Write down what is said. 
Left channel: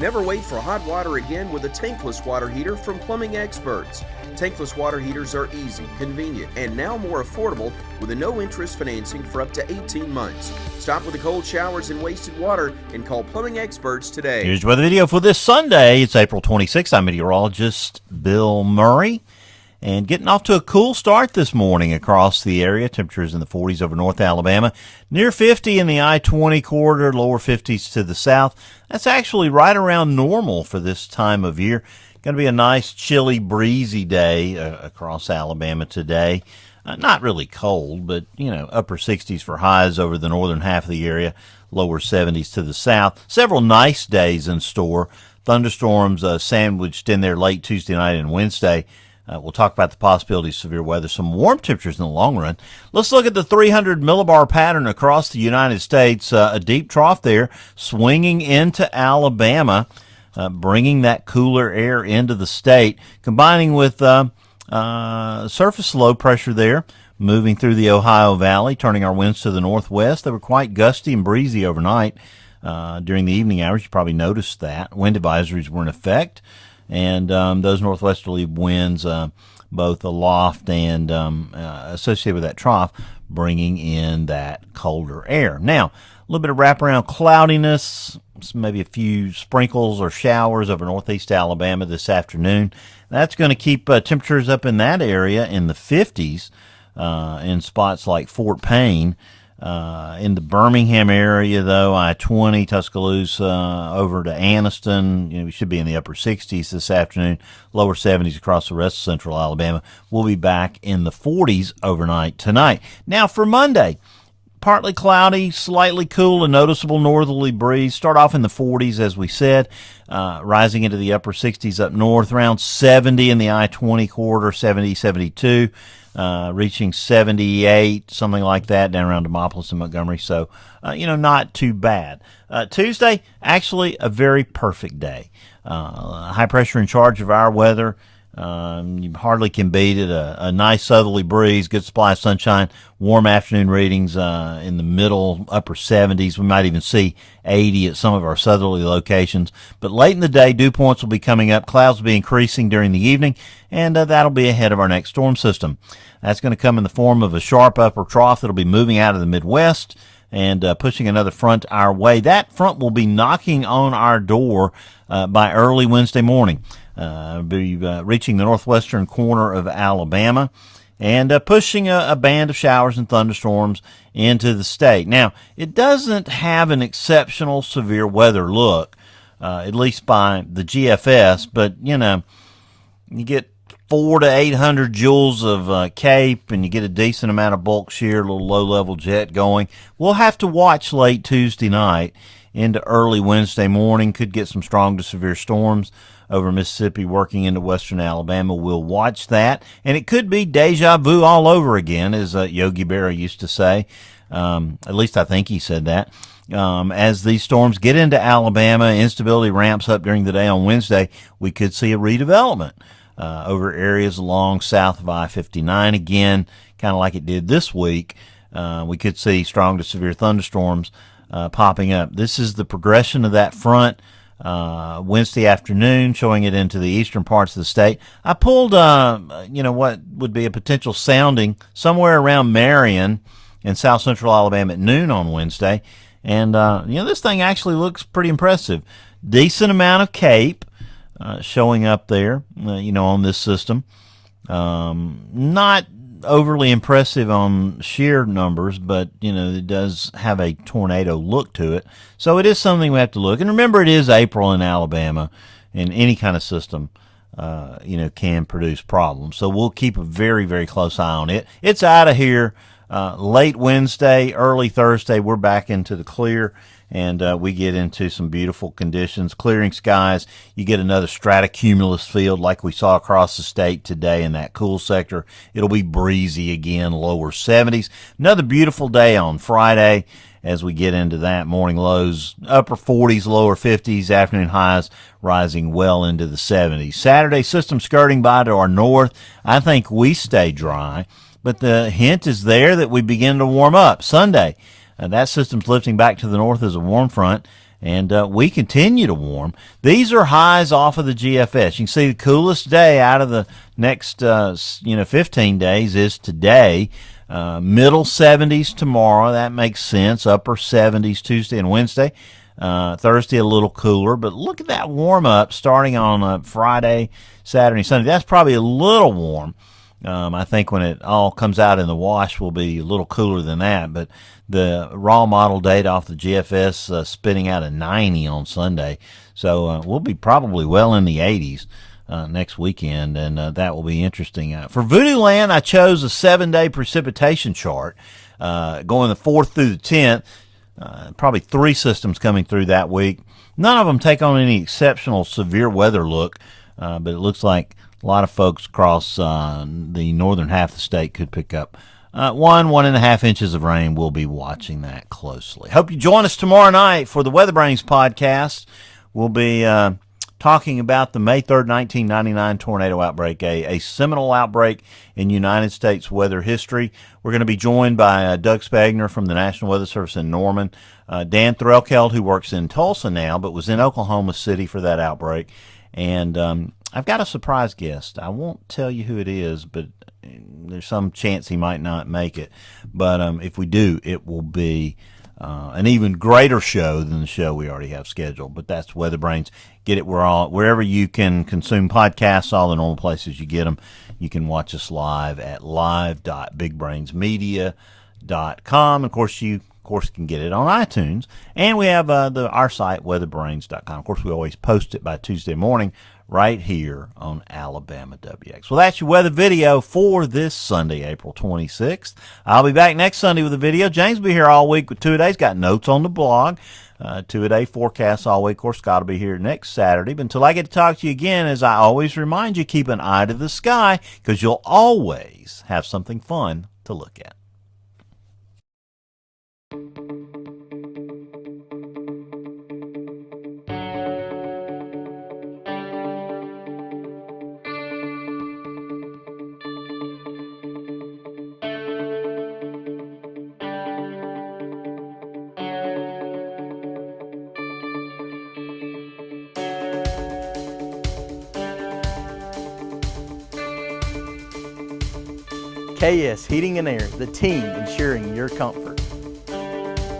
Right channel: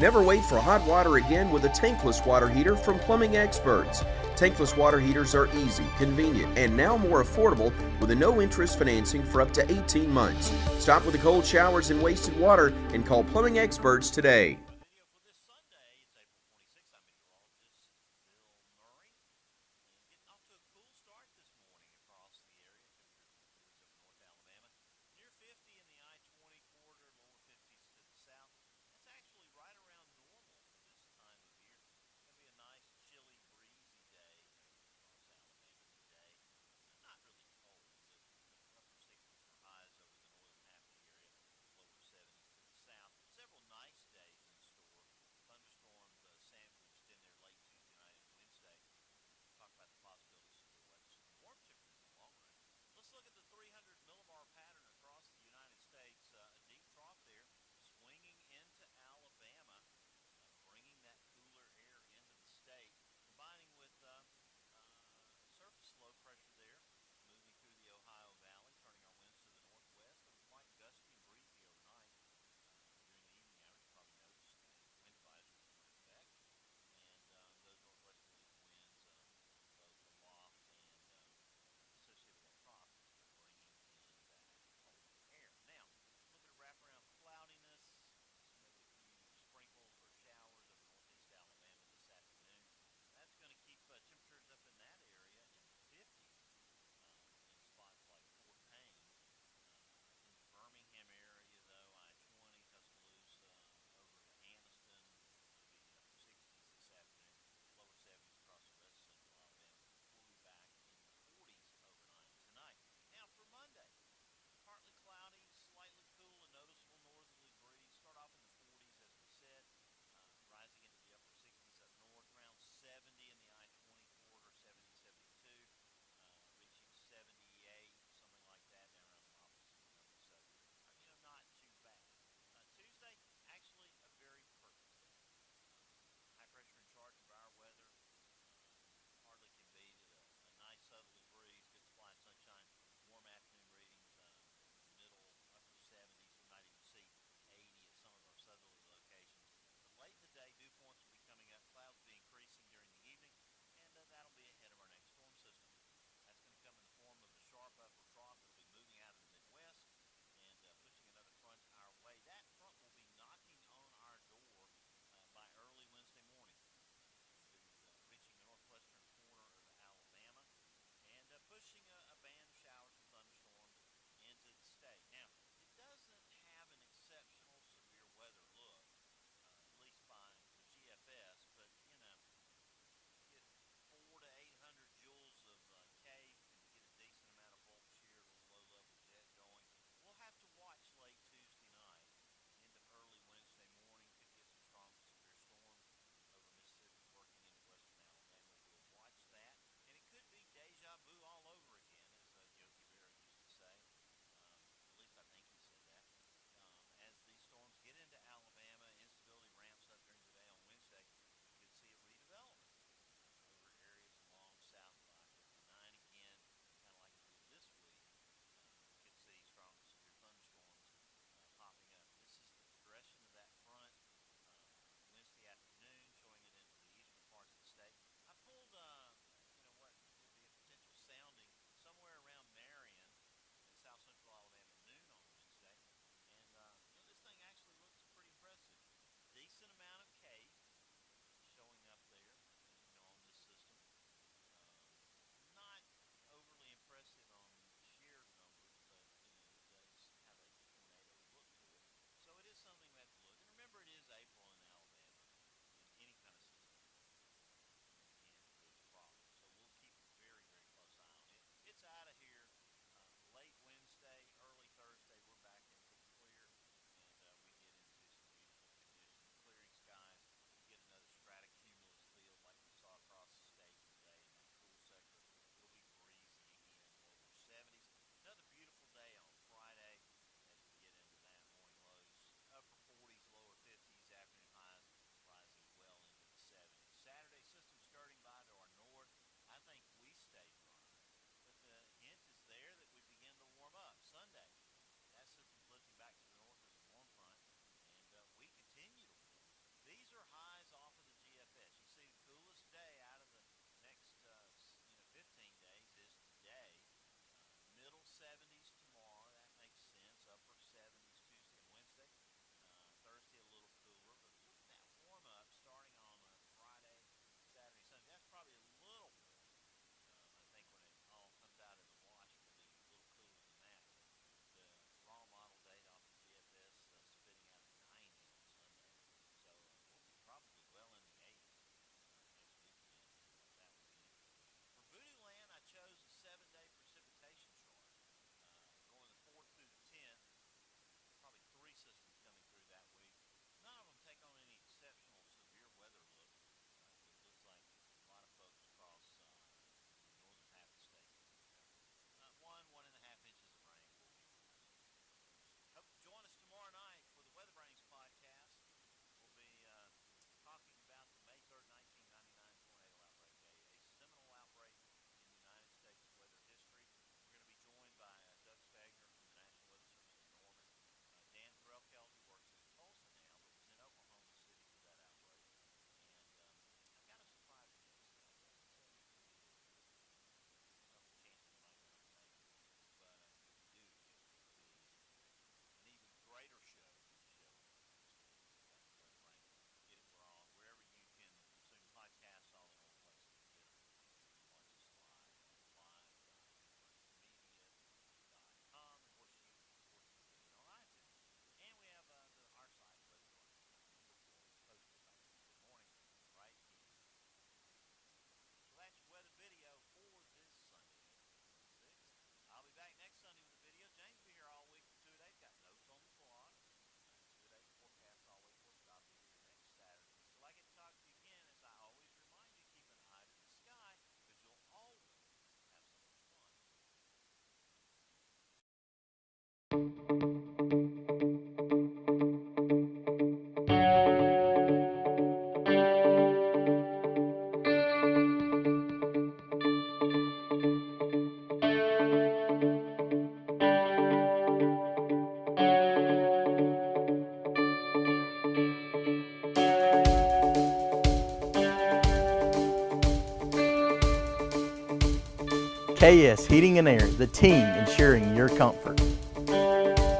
Never wait for hot water again with a tankless water heater from Plumbing Experts. Tankless water heaters are easy, convenient, and now more affordable with a no-interest financing for up to 18 months. Stop with the cold showers and wasted water and call Plumbing Experts today. Here's your weather video for this Sunday. It's April 26th. I'm meteorologist Bill Murray. And getting off to a cool start this morning across the area. Temperatures in the 40s over North Alabama. Near 50 in the I-20 corridor, lower 50s to the south. That's actually right around normal for this time of year. Going to be a nice, chilly, breezy day across Alabama today. Not really cold, but, upper 60s for highs over the northern half of the area, lower 70s to the south. Several nice days in store. Thunderstorms sandwiched in there late Tuesday night and Wednesday. We'll talk about the possibility of severe weather, some warm temperatures in the long run. Let's look at the 300 millibar pattern across the United States. A deep trough there swinging into Alabama, bringing that cooler air into the state, combining with surface low pressure there, moving through the Ohio Valley, turning our winds to the northwest. They were quite gusty and breezy overnight. During the evening hours, you probably noticed that. Wind advisories were in effect. And those northwesterly winds, both aloft and associated with that trough, bringing in that colder air. Now, a little bit of wraparound cloudiness, maybe a few sprinkles or showers over northeast Alabama this afternoon. That's going to keep temperatures up in that area in the 50s in spots like Fort Payne. In the Birmingham area, though, I-20, Tuscaloosa, over to Anniston, we should be in the upper 60s this afternoon, lower 70s across the rest of central Alabama. We'll be back in the 40s overnight tonight. Now for Monday, partly cloudy, slightly cool, a noticeable northerly breeze. Start off in the 40s, as we said, rising into the upper 60s up north, around 70 in the I-20 corridor, 70, 72. Reaching 78, something like that, down around Demopolis and Montgomery. So, not too bad. Tuesday, actually a very perfect day. High pressure in charge of our weather. You hardly can beat it. A nice southerly breeze, good supply of sunshine, warm afternoon readings in the middle, upper 70s. We might even see 80 at some of our southerly locations. But late in the day, dew points will be coming up. Clouds will be increasing during the evening, and that'll be ahead of our next storm system. That's going to come in the form of a sharp upper trough that'll be moving out of the Midwest and pushing another front our way. That front will be knocking on our door by early Wednesday morning. Be reaching the northwestern corner of Alabama and pushing a band of showers and thunderstorms into the state. Now, it doesn't have an exceptional severe weather look, at least by the GFS, but, you get 400 to 800 joules of CAPE, and you get a decent amount of bulk shear, a little low-level jet going. We'll have to watch late Tuesday night into early Wednesday morning. Could get some strong to severe storms over Mississippi working into western Alabama. We'll watch that. And it could be deja vu all over again, as Yogi Berra used to say. At least I think he said that. As these storms get into Alabama, instability ramps up during the day on Wednesday, we could see a redevelopment over areas along south of I-59 again, kind of like it did this week. We could see strong to severe thunderstorms popping up. This is the progression of that front Wednesday afternoon, showing it into the eastern parts of the state. I pulled, what would be a potential sounding somewhere around Marion in south central Alabama at noon on Wednesday. And, this thing actually looks pretty impressive. Decent amount of CAPE showing up there, on this system. Not overly impressive on shear numbers, but, it does have a tornado look to it. So it is something we have to look. And remember, it is April in Alabama, and any kind of system, can produce problems. So we'll keep a very, very close eye on it. It's out of here late Wednesday, early Thursday. We're back into the clear. And we get into some beautiful conditions, clearing skies. You get another stratocumulus field like we saw across the state today in that cool sector. It'll be breezy again, lower 70s. Another beautiful day on Friday as we get into that. Morning lows, upper 40s, lower 50s, afternoon highs rising well into the 70s. Saturday, system skirting by to our north. I think we stay dry, but the hint is there that we begin to warm up. Sunday, that system's lifting back to the north as a warm front, And we continue to warm. These are highs off of the GFS. You can see the coolest day out of the next 15 days is today. Middle 70s tomorrow. That makes sense. Upper 70s Tuesday and Wednesday. Thursday a little cooler. But look at that warm up starting on Friday, Saturday, Sunday. That's probably a little warm. I think when it all comes out in the wash will be a little cooler than that. But the raw model data off the GFS spitting out a 90 on Sunday. So we'll be probably well in the 80s next weekend, and that will be interesting. For Voodoo Land, I chose a 7-day precipitation chart going the 4th through the 10th. Probably 3 systems coming through that week. None of them take on any exceptional severe weather look, but it looks like a lot of folks across the northern half of the state could pick up 1.5 inches of rain. We'll be watching that closely. Hope you join us tomorrow night for the Weather Brains podcast. We'll be talking about the May 3rd, 1999 tornado outbreak, a seminal outbreak in United States weather history. We're going to be joined by Doug Spagner from the National Weather Service in Norman, Dan Threlkeld, who works in Tulsa now but was in Oklahoma City for that outbreak, and I've got a surprise guest. I won't tell you who it is, but there's some chance he might not make it. But if we do, it will be an even greater show than the show we already have scheduled. But that's Weather Brains. Get it wherever you can consume podcasts, all the normal places you get them. You can watch us live at live.bigbrainsmedia.com. Of course, you can get it on iTunes. And we have our site, weatherbrains.com. Of course, we always post it by Tuesday morning right here on Alabama WX. Well, that's your weather video for this Sunday, April 26th. I'll be back next Sunday with a video. James will be here all week with 2-a-days. Got notes on the blog. 2-a-day forecasts all week. Of course, Scott will be here next Saturday. But until I get to talk to you again, as I always remind you, keep an eye to the sky because you'll always have something fun to look at. KS Heating and Air, the team ensuring your comfort.